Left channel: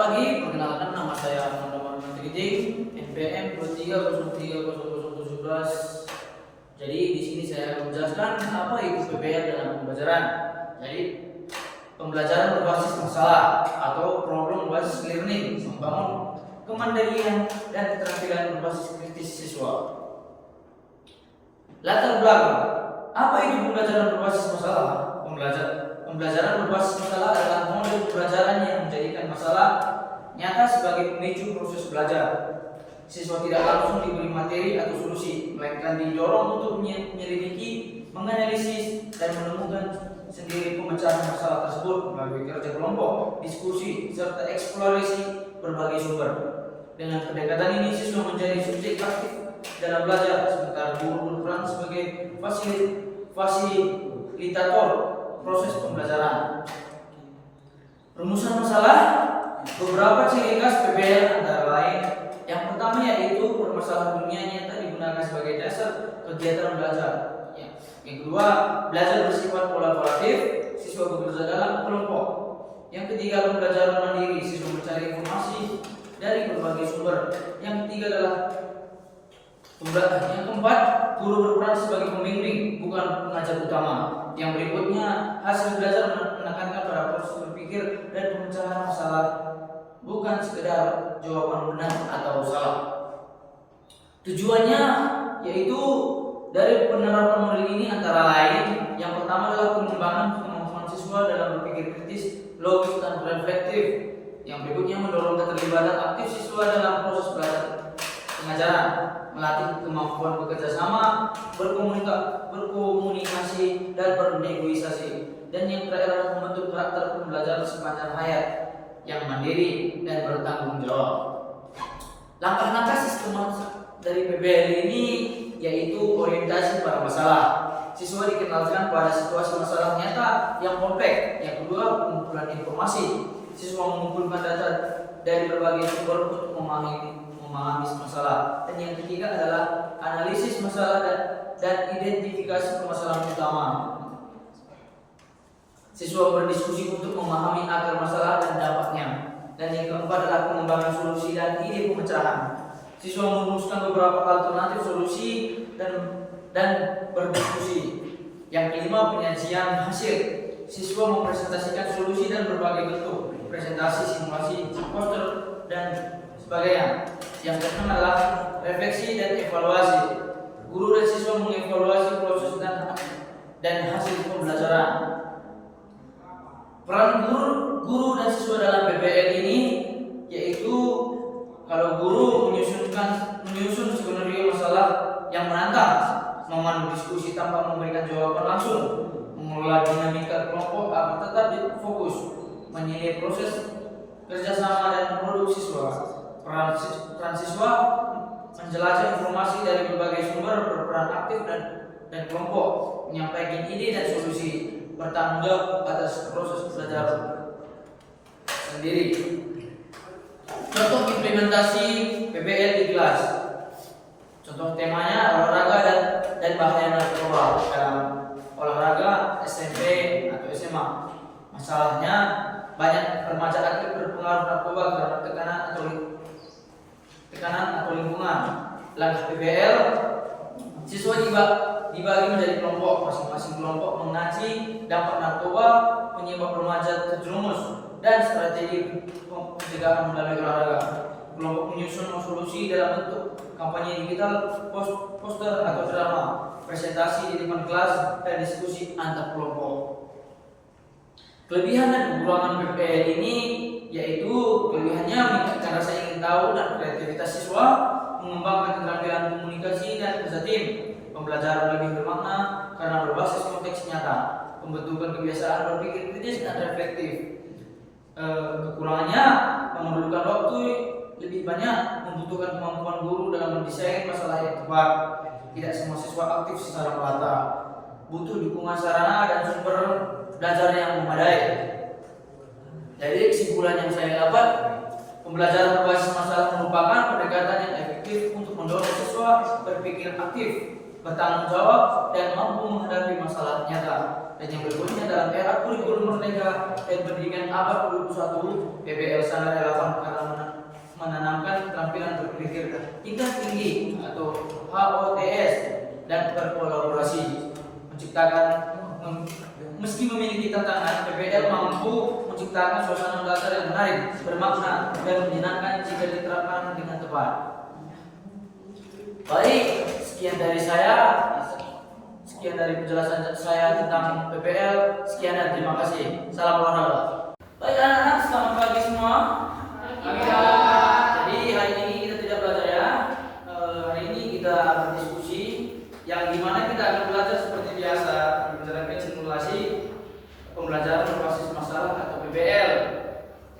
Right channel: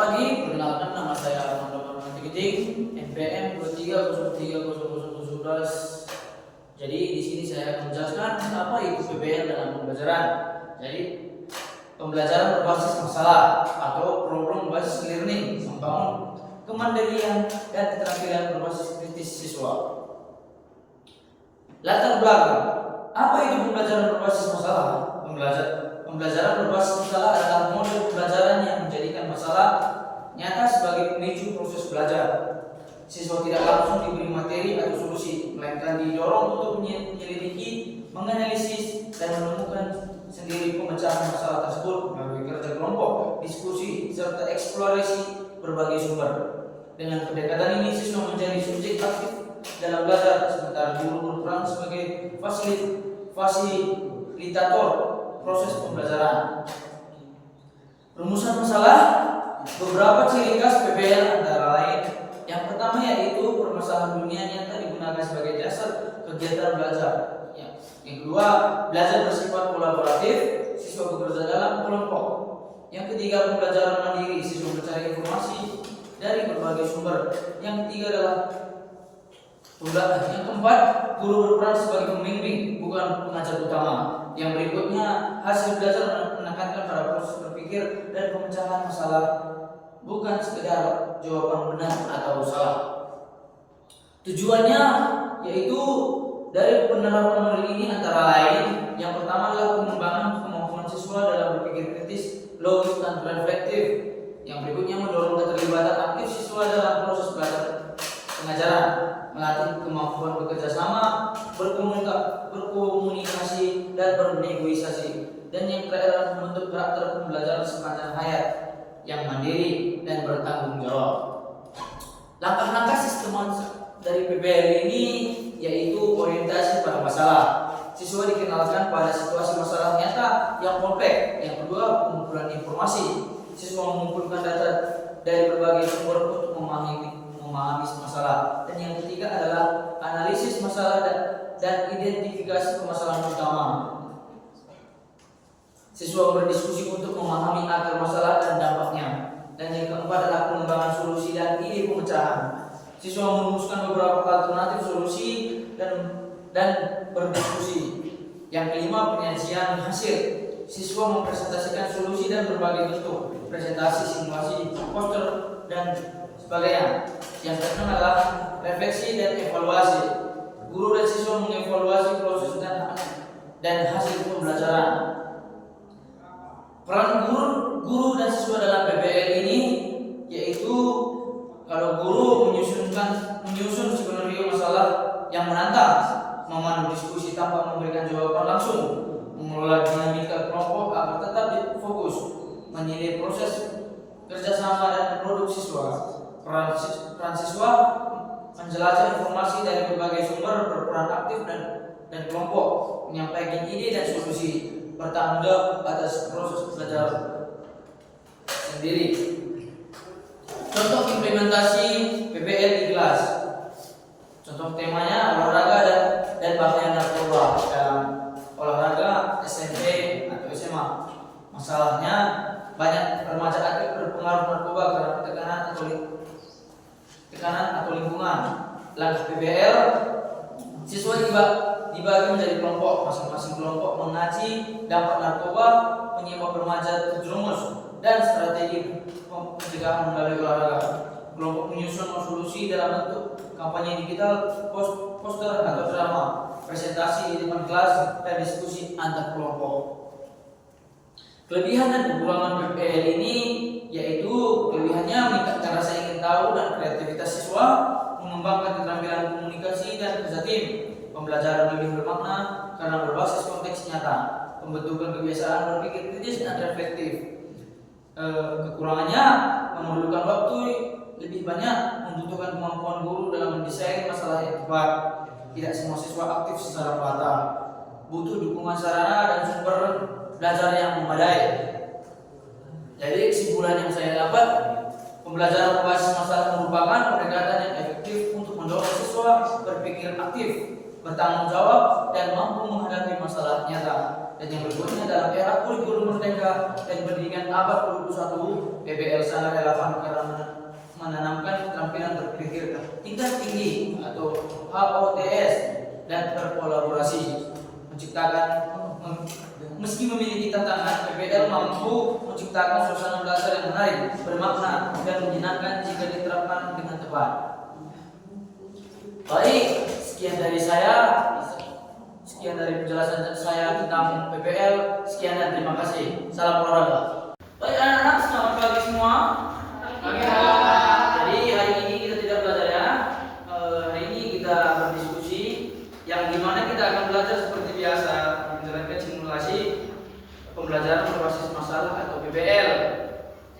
Pagi, perkenalkan nama saya Armando Marwan Tigeding, NPM 23030017. Jadi di sini saya akan menjelaskan apa itu PBL dalam pembelajaran. Jadi pembelajaran berbasis masalah atau problem based learning, membangun kemandirian dan keterampilan berbasis kritis siswa. Latar belakang, apa itu pembelajaran berbasis masalah? Pembelajaran berbasis masalah adalah model pembelajaran yang menjadikan masalah nyata sebagai pemicu proses belajar. Siswa tidak langsung diberi materi atau solusi, melainkan didorong untuk menyelidiki, menganalisis, dan menemukan sendiri pemecahan masalah tersebut melalui kerja kelompok, diskusi, serta eksplorasi berbagai sumber. Dengan pendekatan ini, siswa menjadi subjek aktif dalam belajar, sementara guru berperan sebagai fasilitator proses pembelajaran. Rumusan masalah, beberapa ciri khas PBL antara lain. Yang pertama yaitu permasalahan dunia nyata digunakan sebagai dasar kegiatan belajar. Yang kedua, belajar bersifat kolaboratif, siswa bekerja dalam kelompok. Yang ketiga, pembelajaran mandiri, siswa mencari informasi dari berbagai sumber. Yang ketiga adalah yang keempat, guru berperan sebagai pembimbing, bukan pengajar utama. Yang berikutnya, hasil belajar menekankan pada proses berpikir dan pemecahan masalah, bukan sekedar jawaban benar atau salah. Tujuannya yaitu dari penerapan model ini antara lain, yang pertama adalah pengembangan kemampuan siswa dalam berpikir kritis, logis, dan reflektif. Yang berikutnya mendorong keterlibatan aktif siswa dalam proses belajar pengajaran, melatih kemampuan bekerja sama, berkomunikasi, dan bernegosiasi. Dan yang terakhir adalah membentuk karakter pembelajaran sepanjang hayat yang mandiri dan bertanggung jawab. Langkah-langkah sistematis dari PBL ini yaitu orientasi pada masalah. Siswa dikenalkan pada situasi masalah nyata yang kompleks. Yang kedua, pengumpulan informasi. Siswa mengumpulkan data dari berbagai sumber untuk memahami masalah. Dan yang ketiga adalah analisis masalah dan identifikasi permasalahan utama. Siswa berdiskusi untuk memahami akar masalah dan dampaknya. Dan yang keempat adalah pengembangan solusi dan ide pemecahan. Siswa merumuskan beberapa alternatif solusi dan berdiskusi. Yang kelima, penyajian hasil. Siswa mempresentasikan solusi dan berbagai bentuk, presentasi, simulasi, poster, dan sebagainya. Yang keenam adalah refleksi dan evaluasi. Guru dan siswa mengevaluasi proses dan hasil pembelajaran. Peran guru dan siswa dalam PBL ini yaitu kalau guru menyusun skenario masalah yang menantang, memandu diskusi tanpa memberikan jawaban langsung, mengelola dinamika kelompok agar tetap fokus, menilai proses kerjasama dan produk siswa. Peran siswa menjelajah informasi dari berbagai sumber, berperan aktif dan kelompok, menyampaikan ide dan solusi, bertanggung jawab atas proses belajar sendiri. Contoh implementasi PBL di kelas. Contoh temanya olahraga dan bahaya narkoba dalam olahraga SMP atau SMA. Masalahnya banyak remaja aktif berpengaruh narkoba karena tekanan atau lingkungan. Langkah PBL, siswa dibagi menjadi kelompok. Masing-masing kelompok mengaji dampak narkoba, penyebab remaja terjerumus, dan strategi pencegahan melalui olahraga. Kelompok menyusun solusi dalam bentuk kampanye digital, poster atau drama, presentasi di depan kelas, dan diskusi antar kelompok. Kelebihan dan kekurangan PBL ini yaitu kelebihannya meningkatkan rasa ingin tahu dan kreativitas siswa, mengembangkan keterampilan komunikasi dan kerja tim, pembelajaran lebih bermakna karena berbasis konteks nyata, pembentukan kebiasaan berpikir kritis dan reflektif. Kekurangannya memerlukan waktu lebih banyak, membutuhkan kemampuan guru dalam mendesain masalah yang tepat. Tidak semua siswa aktif secara merata, butuh dukungan sarana dan sumber belajar yang memadai. Jadi kesimpulan yang saya dapat, pembelajaran berbasis masalah merupakan pendekatan yang efektif untuk mendorong siswa berpikir aktif, bertanggung jawab, dan mampu menghadapi masalah nyata. Dan yang berikutnya, dalam era kurikulum merdeka dan pendidikan abad ke-21, PBL sangat relevan karena menanamkan keterampilan berpikir tingkat tinggi atau HOTS dan berkolaborasi, meski memiliki tantangan, PBL mampu menciptakan suasana belajar yang menarik, bermakna, dan menyenangkan jika diterapkan dengan tepat. Baik, sekian dari penjelasan saya tentang PBL. Sekian dan terima kasih. Salam olahraga. Baik anak-anak, selamat pagi semua. Jadi hari ini kita tidak belajar ya. Hari ini kita berdiskusi, yang dimana kita akan belajar seperti biasa, menjalankan simulasi pembelajaran berbasis masalah atau PBL.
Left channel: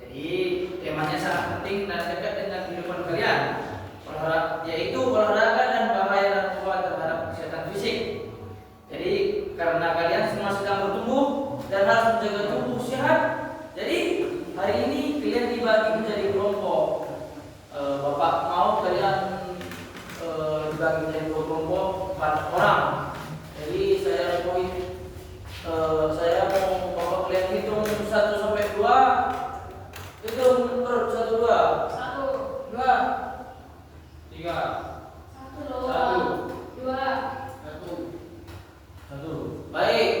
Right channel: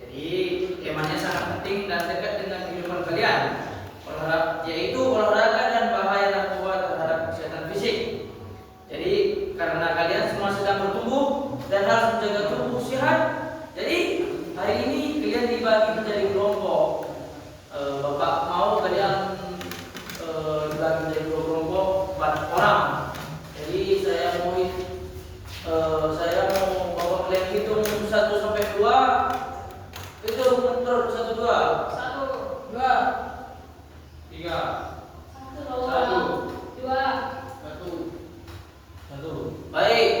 Jadi temanya sangat penting dan dekat dengan kehidupan kalian, yaitu olahraga dan bahaya narkoba terhadap kesehatan fisik. Jadi karena kalian semua sedang bertumbuh dan harus menjaga tubuh sehat, jadi hari ini kalian dibagi menjadi kelompok. Bapak mau kalian dibagi menjadi dua kelompok 4 orang. Jadi saya mau bapak kalian hitung 1 sampai 2. Itu menurut 1, 2 1, 2 3 1, 1. Baik,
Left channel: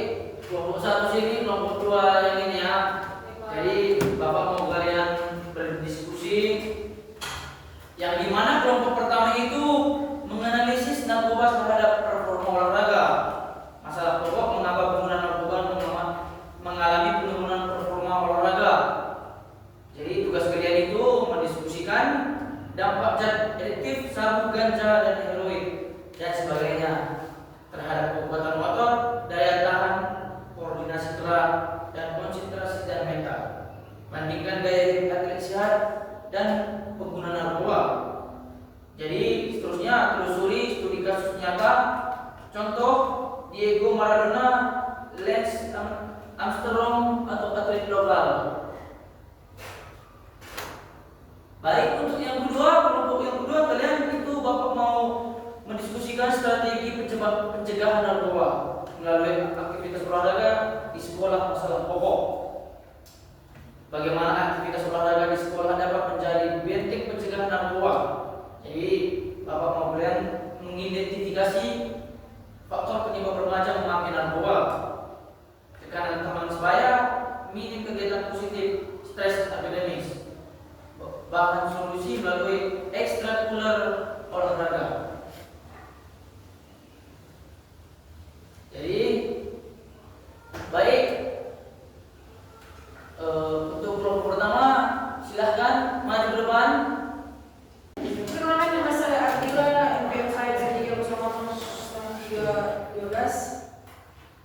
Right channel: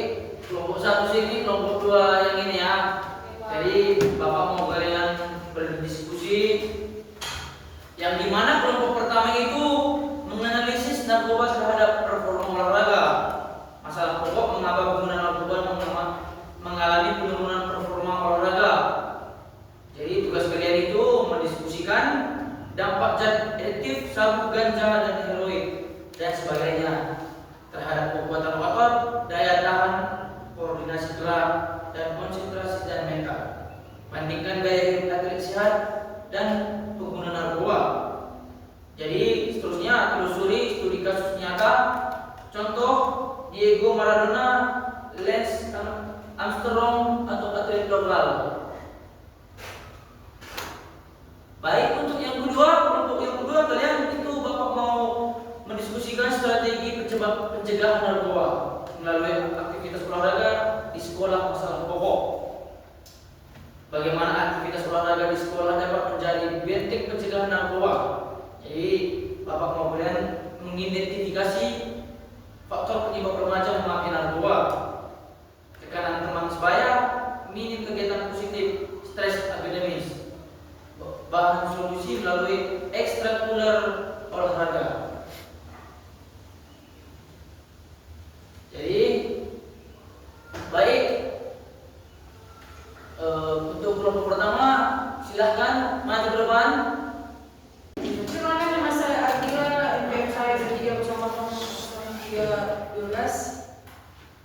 kelompok 1 sini, kelompok 2 yang ini ya. Jadi bapak mau kalian berdiskusi, yang dimana kelompok pertama itu menganalisis narkoba terhadap performa olahraga. Masalah pokok mengapa penggunaan narkoba mengalami penurunan performa olahraga. Jadi tugas kalian itu mendiskusikan dampak zat adiktif sabu, ganja, dan heroin dan sebagainya terhadap kekuatan otot, daya tahan, koordinasi gerak, dan konsentrasi dan mental. Bandingkan gaya hidup atlet sehat dan pengguna narkoba. Jadi seterusnya telusuri studi kasus nyata. Contoh Diego Maradona, Lance Armstrong, atau atlet lokal. Baik, untuk yang kedua, kelompok yang kedua, kalian itu bapak mau mendiskusikan strategi pencegahan narkoba melalui aktivitas olahraga di sekolah, masalah pokok. Bagaimana aktivitas olahraga di sekolah dapat menjadi benteng pencegahan narkoba. Jadi bapak mau kalian mengidentifikasi faktor penyebab remaja memakai narkoba, tekanan teman sebaya, minim kegiatan positif, stres akademis, bahan solusi melalui ekstrakurikuler olahraga. Jadi baik, untuk kelompok pertama silahkan maju ke depan. Perkenalkan, nama saya Artiga, MPK Bertiga bersama 312.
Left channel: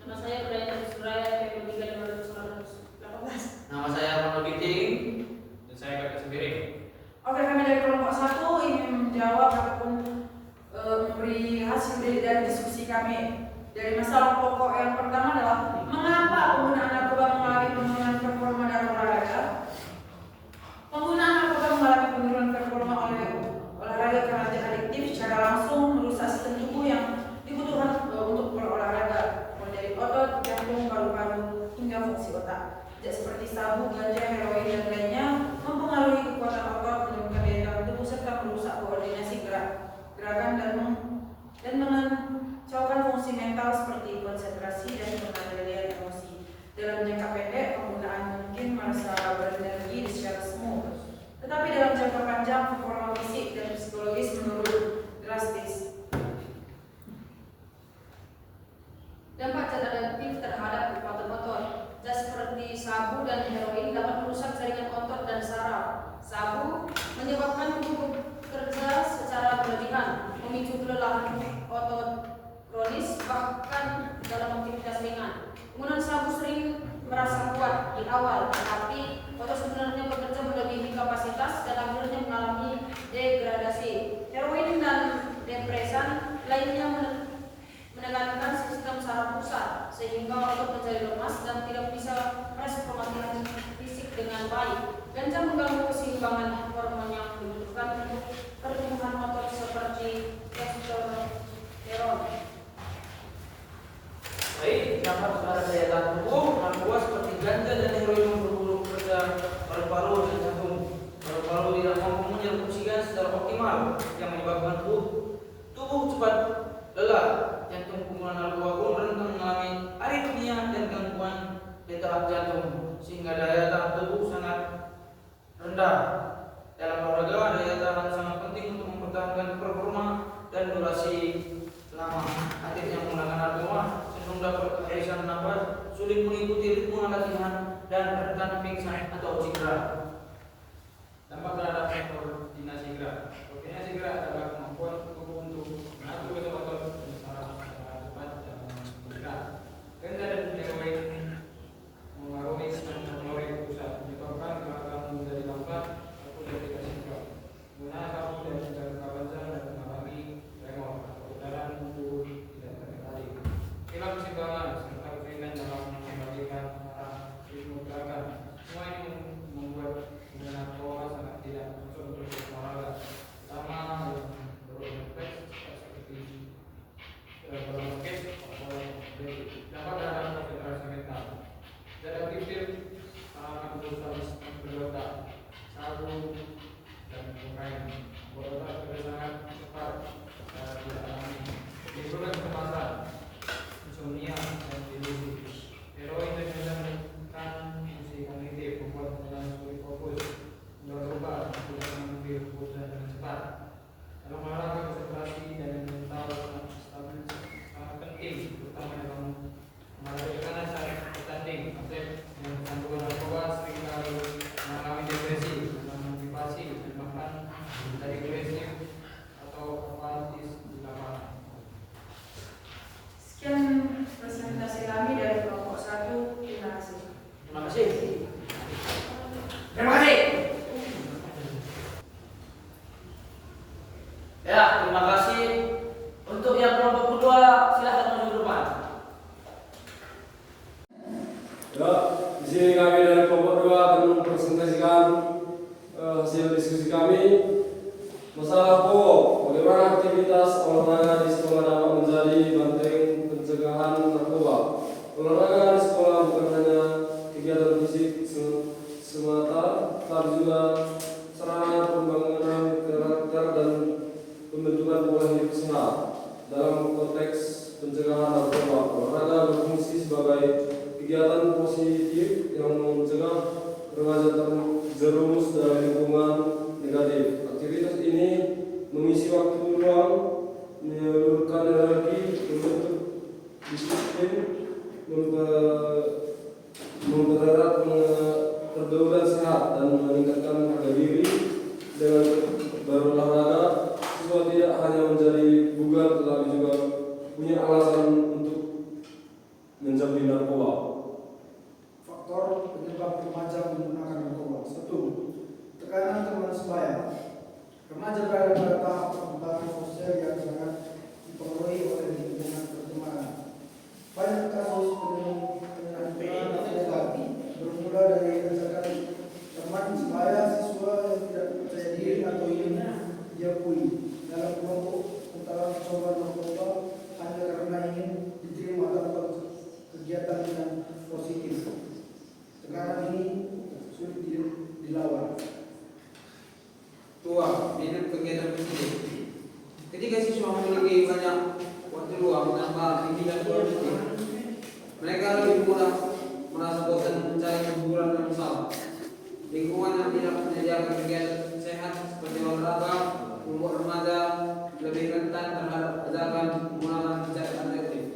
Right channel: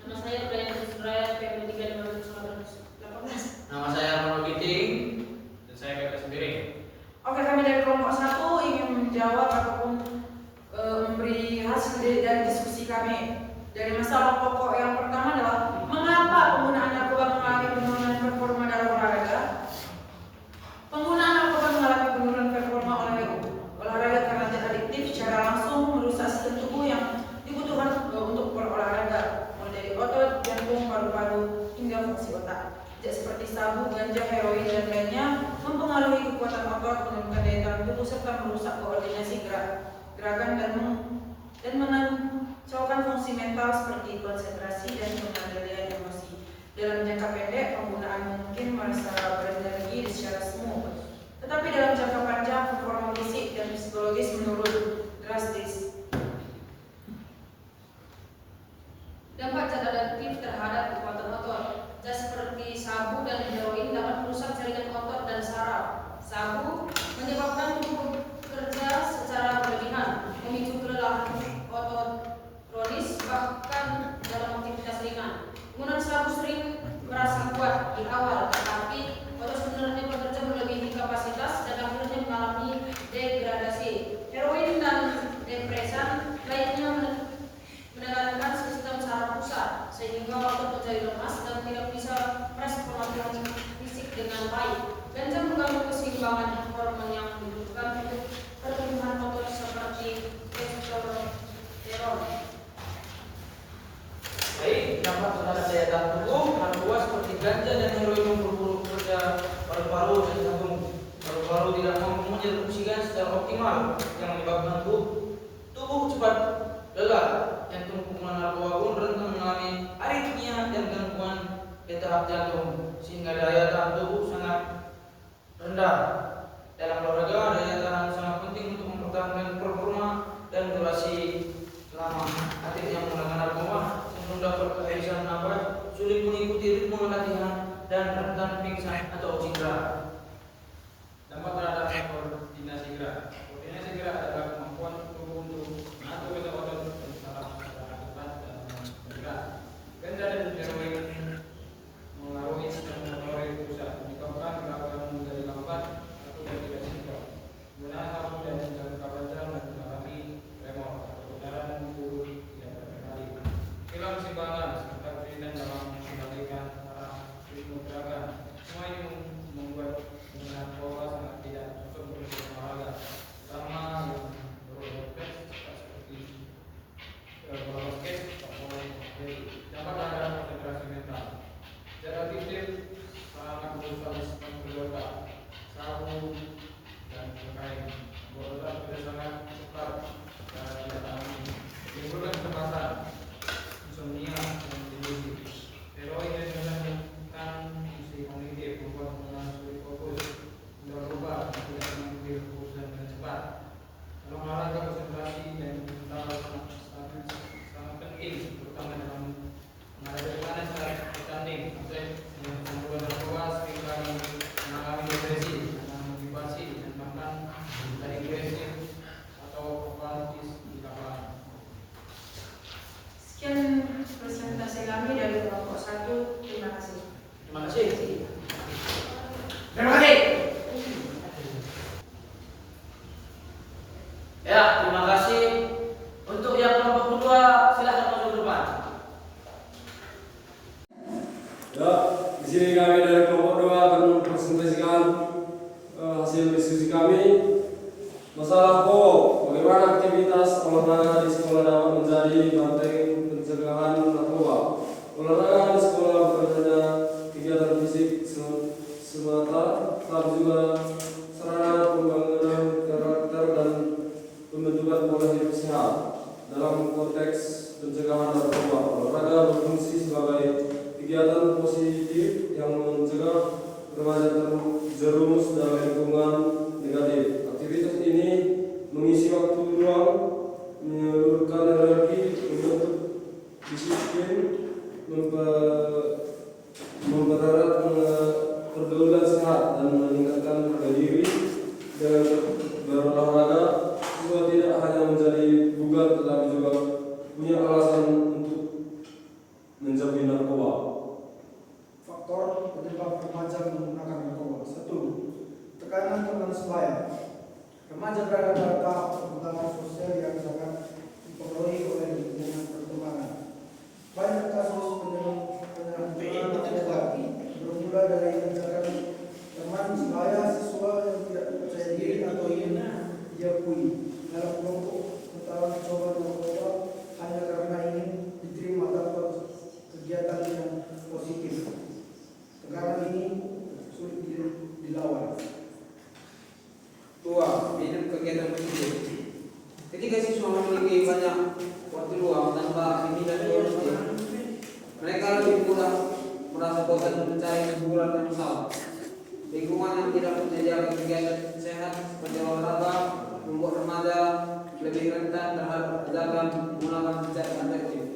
Nama saya Brian Suraya, PMP 3 18. Nama saya Armando Giting. Dan saya Gata sendiri. Oke, kami dari kelompok 1 ingin menjawab ataupun memberi hasil dari diskusi kami. Dari masalah pokok yang pertama adalah mengapa penggunaan narkoba mengalami penurunan performa dalam olahraga. Penggunaan narkoba mengalami penurunan performa olahraga karena zat adiktif secara langsung merusak sistem tubuh yang dibutuhkan untuk berolahraga, mulai dari otot, jantung, paru-paru, hingga fungsi otak. Zat seperti sabu, ganja, heroin, dan lainnya mempengaruhi kekuatan otot, menurunkan daya tahan tubuh, serta merusak koordinasi gerakan dan mengacaukan fungsi mental seperti konsentrasi dan pengendalian emosi. Dalam jangka pendek, penggunaan mungkin merasa berenergi secara smooth, tetapi dalam jangka panjang, performa fisik dan psikologis menurun drastis. Dampak zat adiktif terhadap kekuatan otot. Zat seperti sabu dan heroin dapat merusak jaringan otot dan saraf. Sabu menyebabkan tubuh bekerja secara berlebihan, memicu kelelahan otot kronis, bahkan dalam aktivitas ringan. Penggunaan sabu sering merasa kuat di awal, tetapi otot sebenarnya bekerja melebihi kapasitas dan akhirnya mengalami degradasi. Heroin dan depresan lainnya menekankan sistem saraf pusat, sehingga otot menjadi lemas dan tidak bisa merespon latihan fisik dengan baik. Ganja mengganggu keseimbangan hormon yang dibutuhkan untuk pertumbuhan otot seperti testosteron. selalu tidak mampu menjaga oksigen secara optimal yang menyebabkan tubuh cepat lelah. Jantung pengguna narkoba pun rentan mengalami aritmia dan gangguan detak jantung sehingga daya tahan tubuh sangat rendah. Dalam olahraga, daya tahan sangat penting untuk mempertahankan performa dan durasi lama. Atlet yang menggunakan narkoba cenderung dapat kehabisan nafas, sulit mengikuti ritme latihan, dan rentan pingsan atau cedera. Dampak terhadap koordinasi gerak. Koordinasi gerak adalah kemampuan tubuh untuk mengatur kecepatan secara cepat dalam bergerak. Ganja dan heroin mengaruhi sistem motorik pusat, menyebabkan gerakan menjadi lambat atau tidak sinkron. Penggunaan sabu dan jangka panjang dan mengalami tremor atau putaran tubuh tidak terkendali. Hilang keseimbangan serta kesulitan dalam mengembalikan arah ritme gerakan. Semua ini membuat penggunaan narkoba sangat tidak cocok untuk olahraga, terutama yang berorganisasi seperti berbasket atau dapat terhadap konsentrasi mental. Zat aktif sangat berusaha di sistem otak, sabu dan kokain. Otak sudah sangat cepat tidak alami, menimbulkan kecemasan, insomnia dan delusi. Heroin dan menurunkan fungsi kognitif, membuat penggunaan sulit fokus, berubah tidak mengambil keputusan dengan cepat. Dalam olahraga, konsentrasi dan mental sangat penting, terutama dalam menghadapi tekanan saat bertanding. Atlet yang menggunakan narkoba seringkali mengalami depresi, motivasi, dan bahkan menjadi agresif atau apatis di lapangan. Sekian presentasi kami dari kelompok 1. Terima kasih. Terima kasih. Terima kasih. Ya, terima kasih. Untuk yang kelompok kedua, silakan masuk ke depan. Ya, di sini kami dari kelompok 2 akan mempresentasikan hasil diskusi kami. Masalah pokok, bagaimana aktivitas olahraga di sekolah dapat menjadi benteng pencegahan narkoba. Olahraga di sekolah bukan hanya kegiatan fisik semata, tapi juga sarana pembangunan karakter dan pembentukan pola hidup sehat. Dalam konteks pencegahan narkoba, olahraga berfungsi sebagai kegiatan positif yang mencegah remaja terjerumus dalam lingkungan negatif. Aktivitas ini mengisi waktu luang, menyalurkan energi, membentuk disiplin, mempererat pergaulan sehat, dan meningkatkan harga diri. Dengan berolahraga, siswa tidak hanya menjadi bugar, tetapi juga punya alasan untuk menjauhi narkoba. Faktor penyebab remaja menggunakan narkoba. 1. Tekanan teman sebaya. Remaja berada pada tahap perkembangan sosial yang sangat dipengaruhi oleh lingkungan pertemanan. Banyak kasus penyalahgunaan narkoba bermula dari ajakan teman sebaya siswa yang tidak percaya diri atau ingin diakui dalam kelompok antara mencoba narkoba hanya karena ingin diterima tanpa kegiatan yang positif. Tekanan ini sulit dilawan. 2. Hidup kegiatan positif. Ketika siswa memiliki banyak waktu luang tanpa pimpinan positif, mereka lebih mudah merasa bosan mencari hiburan yang salah. Lingkungan yang tidak menyediakan kegiatan sehat seperti olahraga membuat remaja lebih rentan terhadap ajakan menggunakan zat adiktif.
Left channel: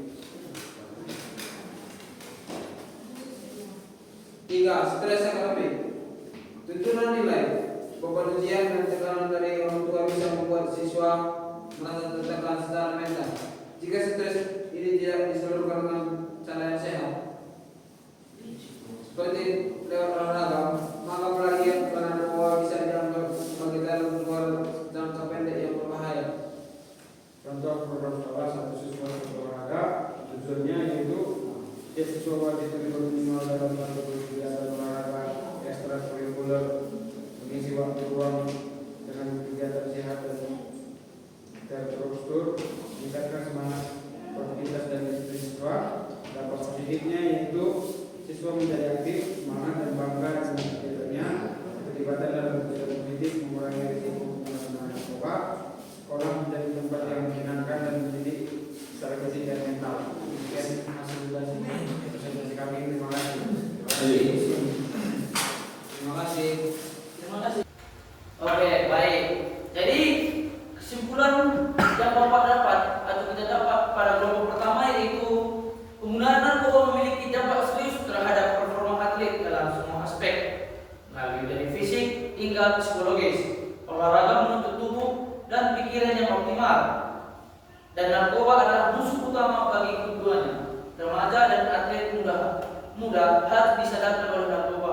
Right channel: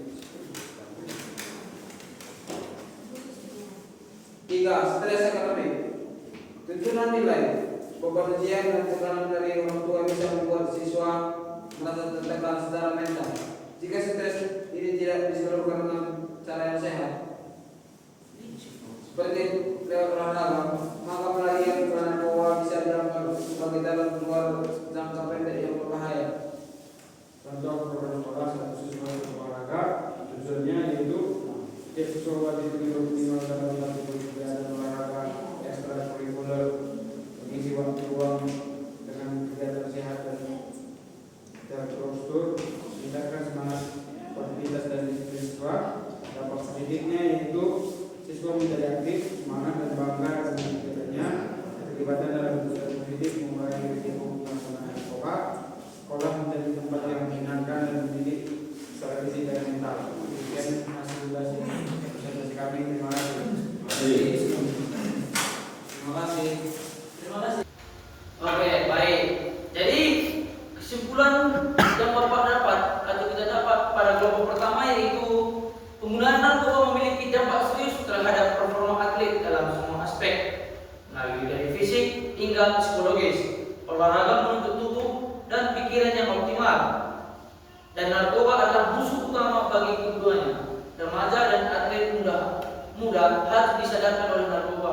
3. Stres akademik. Tuntunan nilai, beban ujian dan tekanan dari orang tua bisa membuat siswa merasa tertekan secara mental. Jika stres ini tidak disalurkan dengan cara yang sehat, seperti lewat olahraga, maka pelarian ke narkoba bisa dianggap sebagai jalan keluar jangka pendek yang berbahaya. Contoh program sekolah satu siswa olahraga, tujuannya yaitu setiap siswa wajib terlibat minimal dalam satu kegiatan olahraga ekstrakurikuler, mengisi waktu luang dengan kegiatan sehat dan terstruktur, meningkatkan semangat produktivitas dan disiplin siswa. Dampak positifnya yaitu siswa menjadi aktif, semangat dan bangga dengan kegiatannya, keterlibatan dalam kegiatan positif manfaat psikologis. Olahraga menuntut tubuh dan pikiran yang optimal. Dan narkoba adalah musuh utama bagi keduanya. Remaja dan atlet muda harus disadarkan oleh narkoba.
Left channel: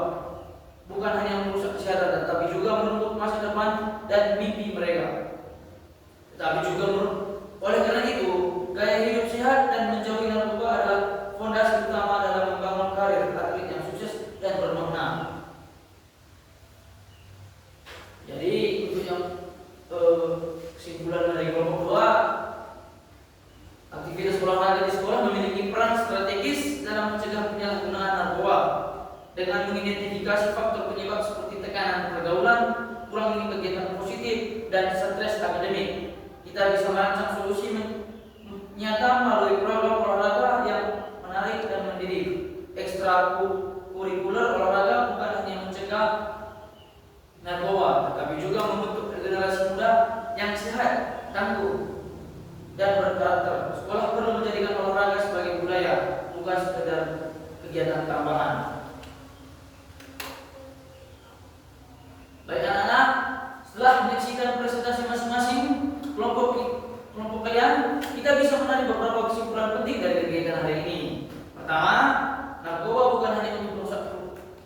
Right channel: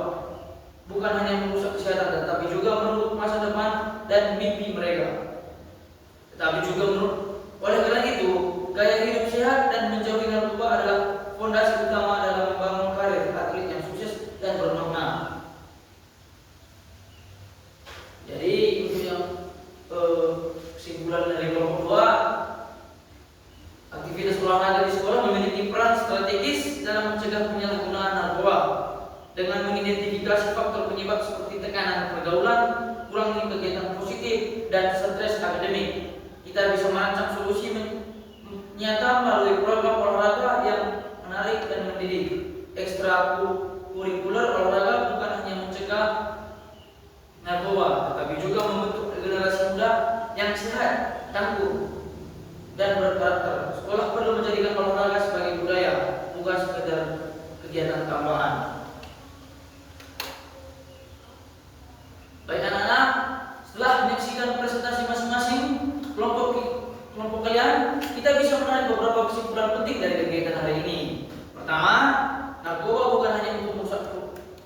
Bukan hanya merusak kesehatan, tetapi juga menutup masa depan dan mimpi mereka. Tetapi juga oleh karena itu, gaya hidup sehat dan menjauhi narkoba adalah fondasi utama dalam membangun karir atlet yang sukses dan bermakna. Jadi itu yang kesimpulan dari kelompok 2, aktivitas olahraga di sekolah memiliki peran strategis dalam mencegah penyalahgunaan narkoba dengan mengidentifikasi faktor penyebab seperti tekanan pergaulan, kurangnya kegiatan positif, dan stres akademik. Kita bisa merancang solusi nyata melalui program olahraga yang menarik dan mendidik. Ekstrakurikuler olahraga bukan hanya mencegah narkoba, tetapi juga membentuk generasi muda yang sehat, tangguh, dan berkarakter. Sekolah perlu menjadikan olahraga sebagai budaya, bukan sekedar kegiatan tambahan. Baik anak-anak, setelah menyaksikan presentasi masing-masing kelompok kalian, kita bisa menarik beberapa kesimpulan penting dari kegiatan hari ini. Pertama, narkoba bukan hanya untuk merusak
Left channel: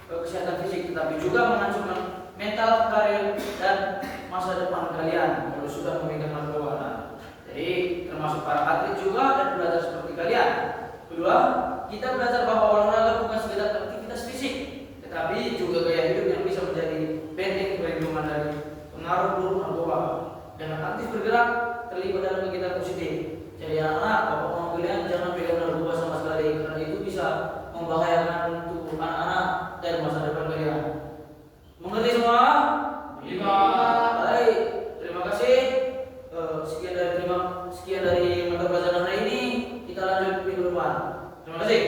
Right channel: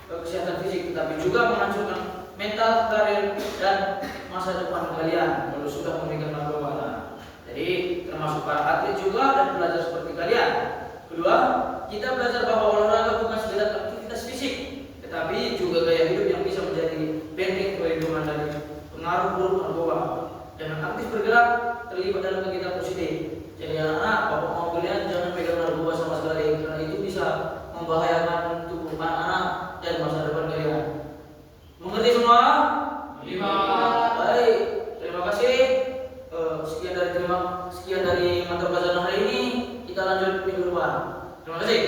kesehatan fisik, tetapi juga menghancurkan mental, karir, dan masa depan kalian kalau sudah memegang narkoba. Jadi termasuk para atlet juga dan belajar seperti kalian. Kedua, kita belajar bahwa olahraga bukan sekedar aktivitas fisik, tetapi juga gaya hidup yang bisa menjadi benteng perlindungan dari pengaruh buruk narkoba. Dengan aktif bergerak, terlibat dalam kegiatan positif. Jadi anak-anak, bapak mau kalian jangan pegang narkoba sama sekali, karena itu bisa membahayakan tubuh anak-anak dan masa depan kalian. Mengerti semua? Lima. Baik, terima kasih. Sekian dari mata pelajaran hari ini. Kita lanjut minggu depan. Terima kasih.